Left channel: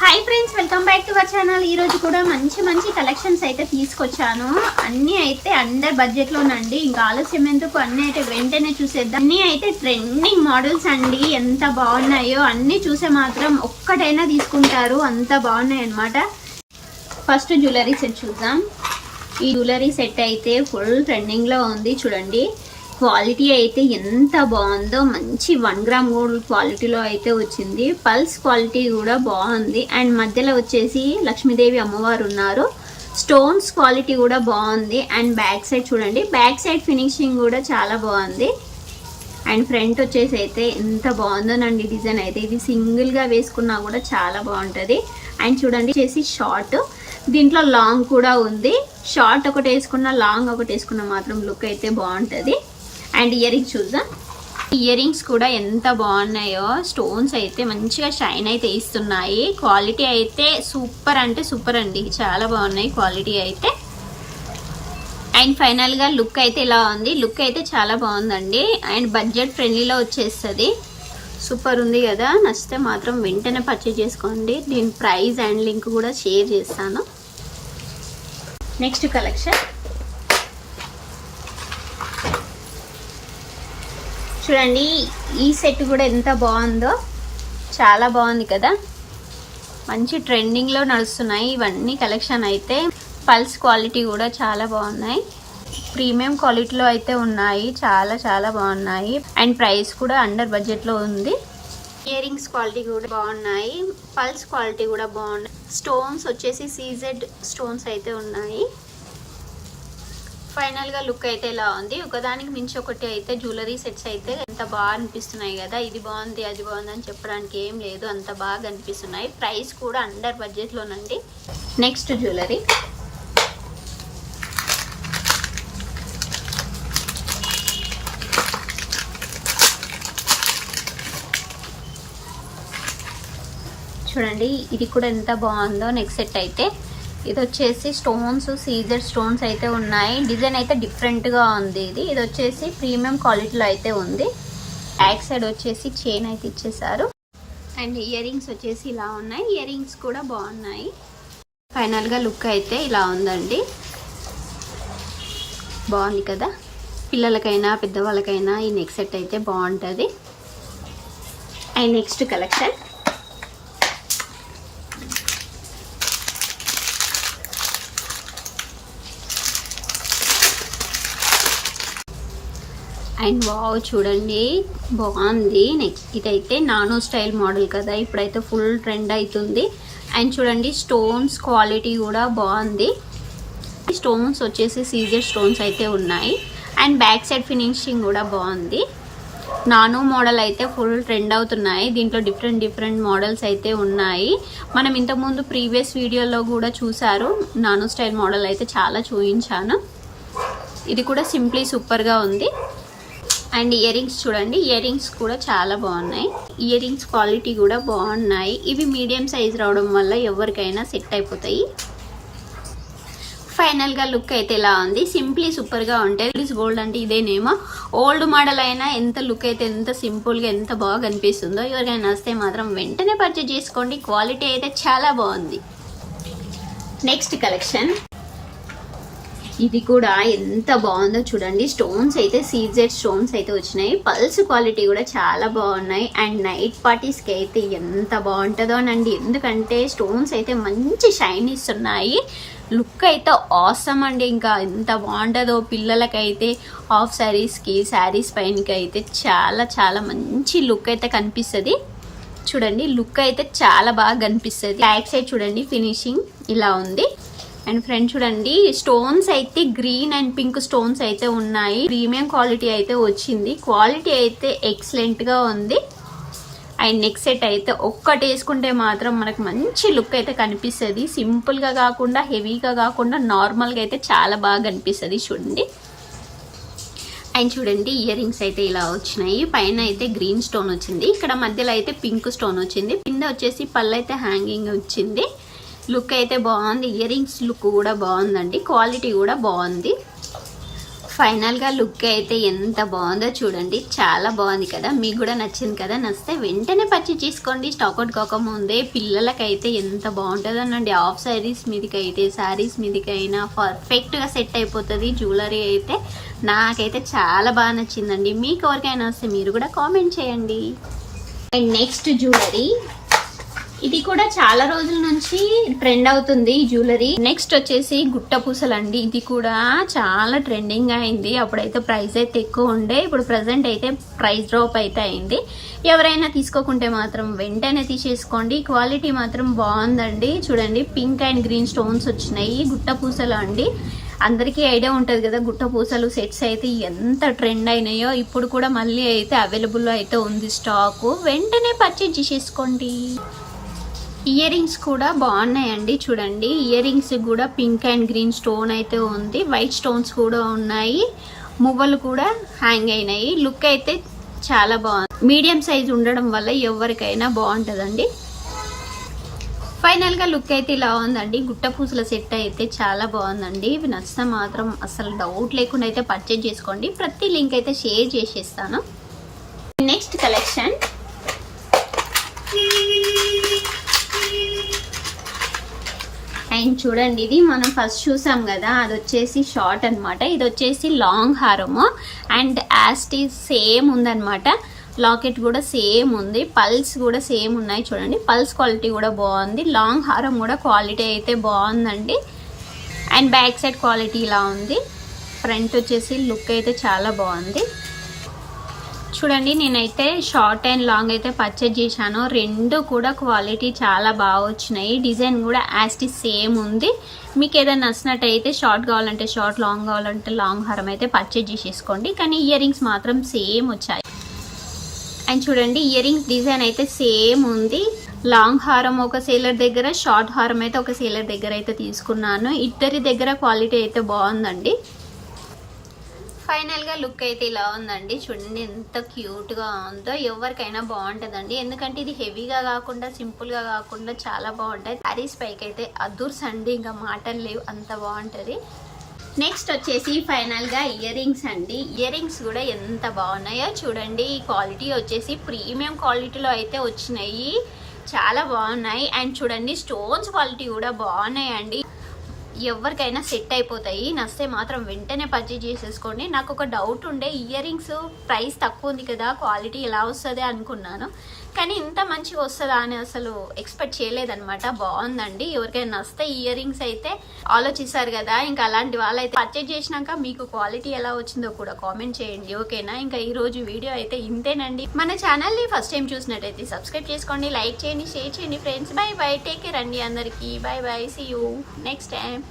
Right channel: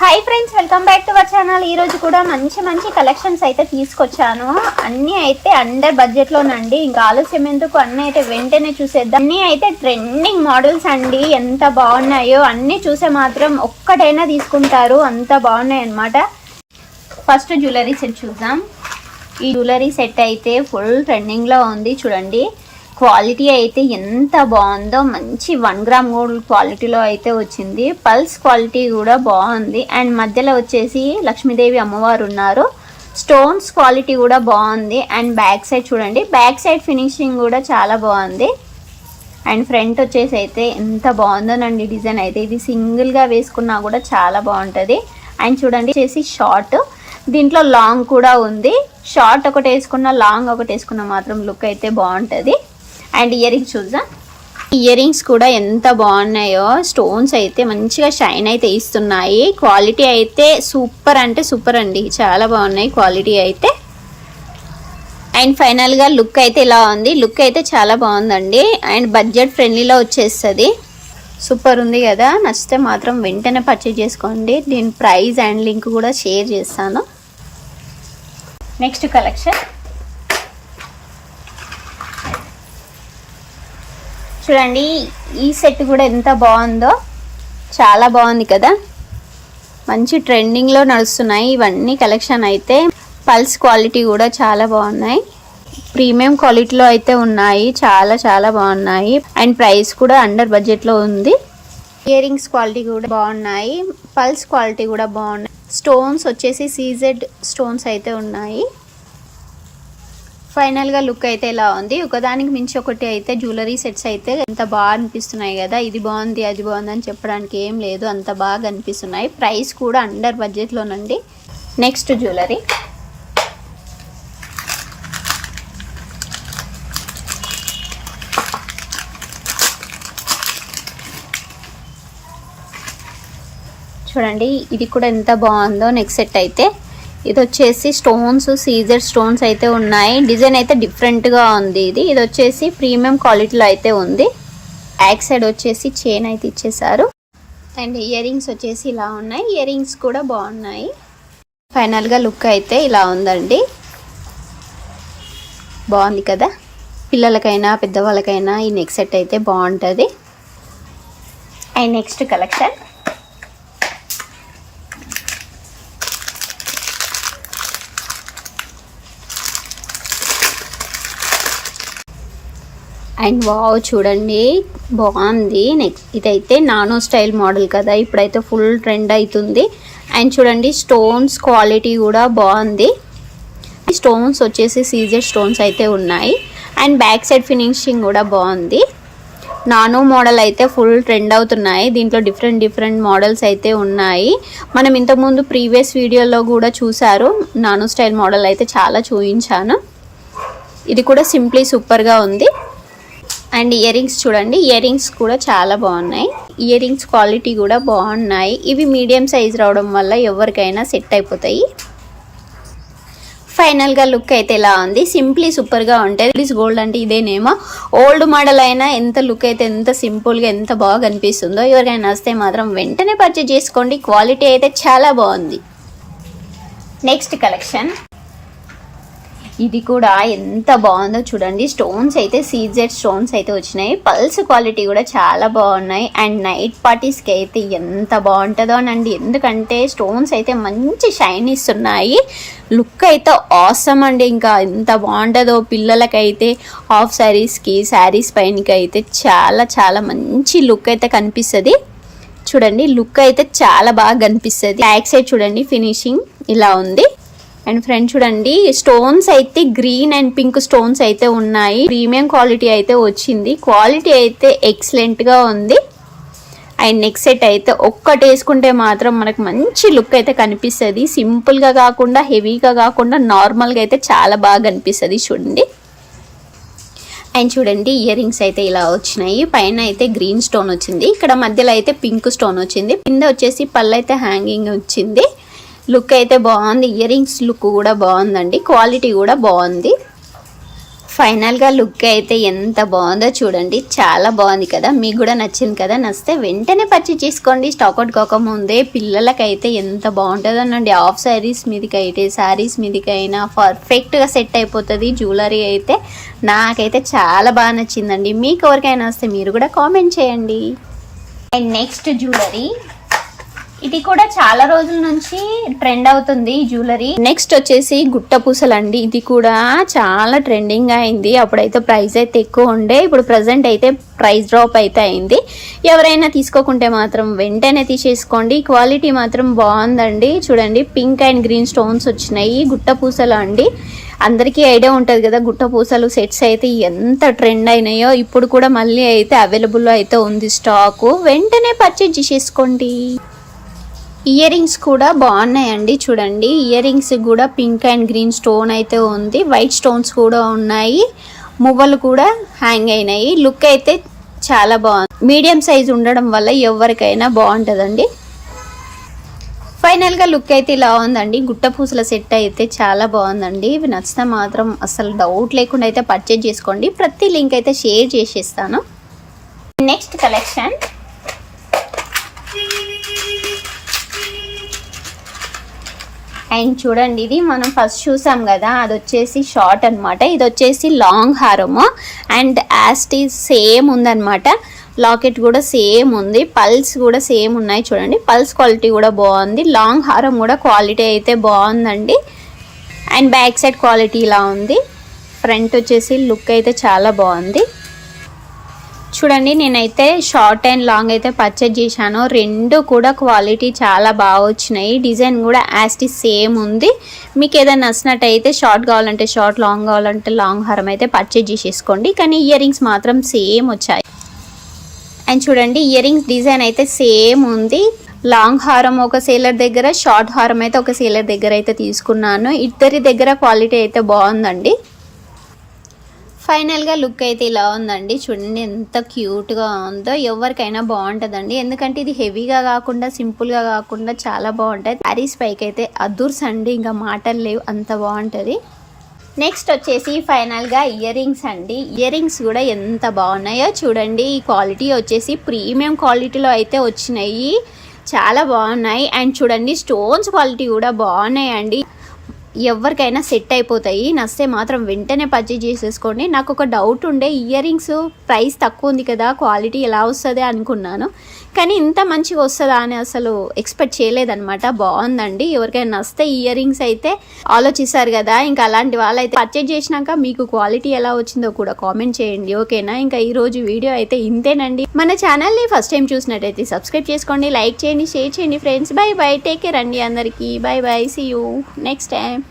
Hi friends, welcome back to our channel. ఈ రోజు కూడా మంచి కలెక్షన్స్ అయితే తీసుకొచ్చాను. అన్నీ అయితే అండర్ బడ్జెట్ లోనండి. ఇంకా ఆలస్యం ఎందుకు, అన్నీ అయితే వెంటనే చూసేద్దాం. అన్నీ అయితే ట్రెండింగ్ మోడల్స్ అండి. ఎంత బాగున్నాయో అన్నీ చూసే మాత్రం ఒక్కటైనా తీసుకుంటారు, అంత బాగున్నాయి అన్నమాట. ఫస్ట్ జ్యువెలరీ సెట్ చూద్దాం. ఈ జ్యువెలరీ సెట్ అయితే ఫుల్ ట్రెండింగ్ లో ఉంది. చూడండి క్వాలిటీ అయితే ఎంత బాగుందో, మంచి 1 గ్రామ్ గోల్డ్ క్వాలిటీలో అయితే వచ్చింది. పల్స్ క్వాలిటీ కూడా బాగుంది. అండ్ మధ్యలో వచ్చేసి లక్ష్మీదేవి అమ్మవారు ఉన్నారు. స్టోన్స్ క్వాలిటీ కూడా బాగుంది. అండ్ బ్యాక్ సైడ్ చూడండి, బ్యాక్ సైడ్ ఫినిషింగ్ కూడా చాలా బాగుంది. అండ్ ఫ్రంట్ వచ్చేసి అయితే ఎంత బాగుందోనండి డిజైన్ అయితే. ఇది సింగిల్గా వేసుకున్నా కూడా చాలా బాగుంటుంది. అండ్ చూడండి వచ్చేసి షార్ట్, దీంట్లో లాంగ్ కూడా ఉంది. షార్ట్ ఒకటి వేసుకున్న, లాంగ్ ఒకటి వేసుకున్న మాత్రం లుక్ అయితే బాగుంటుంది. అండ్ ఇయర్ రింగ్స్ చూద్దాం. ఇయర్ రింగ్స్ కూడా ఎంత బాగున్నాయో. స్టోన్స్ అయితే మంచిగా షైన్ అయితే ఇస్తున్నాయి. క్వాలిటీ అయితే సూపర్ అంటే సూపర్ అండి, చాలా బాగున్నాయి క్వాలిటీ అయితే. అండ్ ఫైనల్గా లుక్ అయితే ఇలా ఉంది. లుక్ అయితే చాలా బాగుందండి. అండ్ బడ్జెట్ ఫ్రెండ్లీలో వచ్చేస్తుంది. సూపర్ ఉంది కదా. నచ్చితే మాత్రం వెంటనే పర్చేజ్ చేసుకోండి. దీని ప్రైస్ అండ్ లింక్ కూడా షేర్ చేస్తాను. నెక్స్ట్ కలెక్షన్ చూడండి. ఈ సెట్ కూడా ఎంత బాగుందో, చాలా బాగుంది కదా. మంచి ట్రెండింగ్లో నడుస్తున్నాయి ఇవన్నీ కలెక్షన్ అయితే. పల్స్ క్వాలిటీ కూడా చాలా బాగున్నాయి. ప్రీమియం క్వాలిటీలో అయితే ఉన్నాయి. చాలా బాగున్నాయి. అండ్ ప్రైస్ కూడా అండర్ బడ్జెట్లో ఉంది. ఇయర్ రింగ్స్ క్వాలిటీ కూడా బాగున్నాయి. పల్స్ క్వాలిటీ కూడా బాగున్నాయి. స్టోన్స్ వచ్చేసి సీజెడ్ స్టోన్స్ అయితే ఉన్నాయి. ఫైనల్గా లుక్ అయితే ఇలా ఉంది. ఒకదానికి మించి ఒకటి అయితే జ్యువెలరీ సెట్స్ అయితే ఎంత బాగా అనిపిస్తున్నాయి కదా. ఇది బాగుంది అది బాగుంది అని చెప్పడానికి ఏం లేదు, అంత బాగా అనిపిస్తున్నాయి. ప్రైస్ కూడా అండర్ బడ్జెట్లోనండి. నెక్స్ట్ జ్యువెలరీ చూడండి. ఇది కూడా ఎంత బాగుందో. నెక్స్ట్ సెట్ అయితే ఇది వచ్చేసి స్టోన్స్, సీజర్ స్టోన్స్ అయితే ఉన్నాయి. డిజైన్ అయితే డిఫరెంట్గా ఉంది. ఇది వచ్చేసి ప్రీమియం క్వాలిటీలో అయితే ఉంది. బ్యాక్ సైడ్ వచ్చేసి చైన్ అయితే ఇచ్చేసారు. అండ్ ఇయర్ రింగ్స్ వచ్చేసి ఇలా ఉన్నాయి. ఇయర్ రింగ్స్ కూడా బాగున్నాయి. ఫైనల్గా లుక్ అయితే ఇలా ఉందండి. బాగుంది కదా. పిల్లలకైనా పెద్దవాళ్ళకైనా ఈ నెక్ సెట్ అయితే బాగుంటుంది. And next collection and wow చూడండి, బాగుంది. నెక్స్ట్ ఇదైతే నానో స్టైల్ మోడల్ కదా, ఇప్పుడైతే ఫుల్ ట్రెండ్ అవుతుంది. అండ్ చూడండి స్టోన్స్ క్వాలిటీ కూడా బాగుంది. స్టోన్స్ వచ్చేసి సీజర్ స్టోన్స్ అయితే ఉన్నాయి. అండ్ బ్యాక్ సైడ్ ఫినిషింగ్ కూడా బాగుంది. నానో మోడల్ అయితే ఫుల్ ట్రెండ్ అవుతున్నాయి. దీంట్లో డిఫరెంట్ మోడల్స్ అయితే ఉన్నాయి. మనం ఇంతకుముందు ప్రీవియస్ వీడియోలో కూడా చూసారు. నానో స్టైల్ మోడల్ అయితే చాలా చూపించాను. ఇది కూడా సింప్లీ సూపర్గా ఉంది. అండ్ ఇయర్ రింగ్స్ చూడండి, ఇయర్ రింగ్స్ కూడా చాలా బాగున్నాయి. ఇయర్ రింగ్స్ క్వాలిటీ కూడా బాగున్నాయి. ఇవి మీడియం సైజ్ రావడం వల్ల ఎవరికైనా సెట్ అయిపోతాయి. ఫైనల్గా లుక్ అయితే ఇలా ఉంది. సింప్లీ సూపర్గా ఉంటుంది. గోల్డ్ అంటే ఇదేనేమో. ఓల్డ్ మోడల్ అయినా ఎంత లుక్ అయితే ఎంత సింపుల్గా ఎంత బాగా అనిపిస్తుందో. ఎవరికైనా వస్తే మాత్రం వెంటనే పర్చేజ్ చేసుకోండి. క్వాలిటీ అయితే చాలా బాగుంది. నెక్స్ట్ కలెక్షన్ ఇది కూడా ఎంత బాగుందో చూడండి. స్టోన్స్ అయితే సీజెడ్ స్టోన్స్ అయితే వచ్చినాయి. పల్స్ క్వాలిటీ కూడా చాలా బాగున్నాయి. అండ్ నైట్ పార్టీస్కి అయితే ఎంత బాగుంటుందో అనండి. ఎందుకంటే స్టోన్స్ అయితే మంచి షైన్ ఇస్తున్నాయి. లుక్ అయితే ఆసమ్ అండి. ఇంకా ఎంత బాగుంటుందో. పిల్లలకైతే హాఫ్ శారీస్కి, శారీస్ పైనకి అయితే చాలా మంచి లుక్ అయితే కనిపిస్తుంది. చూడండి లుక్ అయితే చాలా బాగా కనిపిస్తుంది. బ్యాక్ సైడ్ చూడండి ఫినిషింగ్ ఇలా ఉంది. అండ్ ఫ్రంట్ చూడండి స్టోన్స్ అయితే గ్రీన్ అండ్ పింక్ స్టోన్స్ అయితే ఉన్నాయి. ప్రీమియం క్వాలిటీ అయితే వచ్చింది. క్వాలిటీ అయితే ఎక్సలెంట్ గా ఉంది. అండ్ నెక్స్ట్ సెట్ అయితే ఒక్కటి వేసుకుంటే మాత్రం మనకు మంచి లుక్ అయితే కనిపిస్తుంది. సింపుల్ గా కాకుండా, హెవీగా కాకుండా, నార్మల్ గా అయితే చాలా బాగా కనిపిస్తుంది. చూడండి. అండ్ చూడండి ఇయర్ రింగ్స్ అయితే ఇలా వచ్చినాయి. పైన అయితే గ్రీన్ స్టోన్ వచ్చింది. ఇక్కడ మధ్యలో అయితే పింక్ స్టోన్ వచ్చింది. కింద వచ్చేసి పళ్ళు అయితే హ్యాంగింగ్ వచ్చింది. లుక్ అయితే బాగుంది. ఇయర్ రింగ్స్ లుక్ కూడా బాగుందండి. క్వాలిటీ కూడా బాగుంది. ఫైనల్గా లుక్ అయితే ఎంత బాగుందో చూడండి, చాలా బాగుంది కదా. మీకు కూడా నచ్చింది కదా. నచ్చితే వెంటనే పర్చేజ్ చేసుకోండి, స్టాక్అవుట్ కాకముందే. పిల్లలకైతే ఎంత బాగుంటుందోనండి. హాఫ్ శారీస్ మీదకైతే శారీస్ మీదకైనా పర్ఫెక్ట్గా సెట్ అయిపోతుంది. జ్యువెలరీ అయితే నాకైతే చాలా బాగా నచ్చిందండి. మీకు ఎవరికైనా వస్తే మీరు కూడా కామెంట్ చేయండి. అండ్ నెక్స్ట్ జ్యువెలరీ, ఇది కూడా చాలా రోజుల నుంచి ట్రెండ్ అవుతుంది ఈ జ్యువెలరీ. నెక్స్ట్ వచ్చేసి గుట్ట పూసలు అండి. ఇది కూడా చాలా ట్రెండింగ్ అయింది. అప్పుడైతే ప్రైస్ అయితే ఎక్కువ ఉండే, ఇప్పుడు ప్రజెంట్ అయితే ప్రైస్ డ్రాప్ అయితే అయింది. ఎవరైనా తీసుకోకుంటే మాత్రం వెంటనే తీసేసుకోండి. క్వాలిటీ మాత్రం బాగుందండి. చూడండి, పింక్ అండ్ గ్రీన్ స్టోన్స్ వచ్చినాయి. గుట్ట పూసలు అండి. అందరికీ ఐడియా ఉంటుంది కదా, గుట్ట పూసలు సెట్స్ అయితే ఎంత ట్రెండ్ అయినాయో. ఇప్పుడు కూడా మళ్ళీ అయితే అవైలబుల్లో అయితే ఉంది స్టాకు. వెంటనే పర్చేజ్ చేసేసుకోండి. ఇయర్ రింగ్స్ కూడా బాగున్నాయండి. చూడండి, ఇయర్ రింగ్స్ కూడా పింక్ అండ్ గ్రీన్ స్టోన్ అయితే ఉంది. వైట్ స్టోన్స్ కూడా ఉన్నాయి. మువ్వలు కూడా హ్యాంగ్ అయినాయి. లుక్ అయితే చాలా బాగుంది. మీడియం సైజ్ ఉండడం వల్ల ఎవరికైనా బాగుంటుందండి. ఫైనల్గా లుక్ అయితే ఇలా ఉందండి. గుట్ట పూసల సెట్ అయితే చాలా బాగుందండి. ఇవి నచ్చితే మాత్రం అసలు డౌట్ లేకుండా అయితే పర్చేజ్ చేసుకోండి. ప్రతి లింక్ అయితే షేర్ చేసేస్తాను. నెక్స్ట్ కలెక్షన్, అండ్ చూడండి, ఇది మనం ఫస్ట్ చూసాం కదా, అది వచ్చేసి షార్ట్ అనమాట. ఇది వచ్చేసి లాంగ్ హారము అండ్ యాస్టీస్ సేమ్ ఉందన్నమాట. లాకెట్ కూడా సేమ్ ఉంది, పల్స్ కూడా సేమ్ ఉన్నాయి. చూడండి, పల్స్ క్వాలిటీ కూడా బాగుంది. లాంగ్ హారం కూడా క్వాలిటీ అయితే బాగుందండి. అండ్ బ్యాక్ సైడ్ క్వాలిటీ ఇలా ఉంది. ఫ్రంట్ వచ్చేసి లుక్ అయితే చాలా బాగుంది. చూడండి, నేనైతే షార్ట్ అండ్ లాంగ్ అయితే పర్చేజ్ చేశాను. రెండు కూడా క్వాలిటీ చాలా బాగా వచ్చినాయి. డిజైన్ కూడా యాస్టీస్ సేమ్ ఉంది. మీకు ఏదైనా నచ్చినట్టయితే షార్ట్ కావాలంటే షార్ట్, లాంగ్ కావాలంటే లాంగ్ హారం అయితే పర్చేజ్ చేసేసుకోండి. కానీ ఇయర్ రింగ్స్ మాత్రం సేమ్ వచ్చాయి. అండ్ చూడండి, ఇయర్ రింగ్స్ డిజైన్ అయితే సేమ్ ఉంది. లాంగ్ హారం ఒక సేలర్ దగ్గర, షార్ట్ హారం అయితే ఒక సేలర్ దగ్గర అయితే తీసుకున్నాను. ఇద్దరి దగ్గర క్వాలిటీ అయితే బాగుందండి. ఫైనల్గా లుక్ అయితే ఇలా ఉందండి. చూడండి ఎంత క్యూట్గా ఉందో. ఎవరికైనా బాగుంటుందండి. ఎందుకంటే ఇది హెవీగా కాకుండా, సింపుల్గా కాకుండా చాలా బాగుంటుంది. శారీస్ పైకి అయితే అదుర్స్ అండి, ఇంకా మాటలు లేవు, అంత బాగుంటుంది. నెక్స్ట్ వచ్చేసి ఫైనల్గా ఇయర్ రింగ్స్ అండి. ఇయర్ రింగ్స్ కూడా ఎంత బాగున్నాయో చూడండి. ఈ క్వాలిటీ వచ్చేసి ప్రీమియం క్వాలిటీలో అయితే వచ్చినాయి, చాలా బాగున్నాయి. అండ్ చూడండి, స్టోన్స్ క్వాలిటీ కూడా బాగున్నాయండి. ఎవరికైనా సెట్ అయిపోతాయి. నచ్చితే మాత్రం వెంటనే పర్చేజ్ చేసేసుకోండి. నాకు ఒక డౌట్ ఉండే, ఇయర్ రింగ్స్ ప్రైస్ తక్కువ ఉంది కదా, క్వాలిటీ ఎలా వస్తుంది అనుకున్నాను. కానీ ఇంత మంచిగా వస్తుందా అని అసలు ఎక్స్పెక్ట్ చేయలేదన్నమాట. బాగుందండి. ఎవరికైనా నచ్చితే ఇయర్ రింగ్స్ అయితే ఆలోచిస్తారు కదా, ఇంకా అలాంటి వాళ్ళైతే పర్చేజ్ చేసినాక మీకు క్వాలిటీ ఎలా వచ్చిందో కూడా కామెంట్ చేయండి, ఓకేనా. ఇంకా ఈరోజు వీడియో అయితే ఇంతేనండి. మన ఛానల్ని ఫస్ట్ టైం చూసినట్టయితే సబ్స్క్రైబ్ చేసుకోండి, లైక్ చేయండి, షేర్ చేయండి friends. Bye bye, take care అండి అందరికీ. Bye bye, see you next time.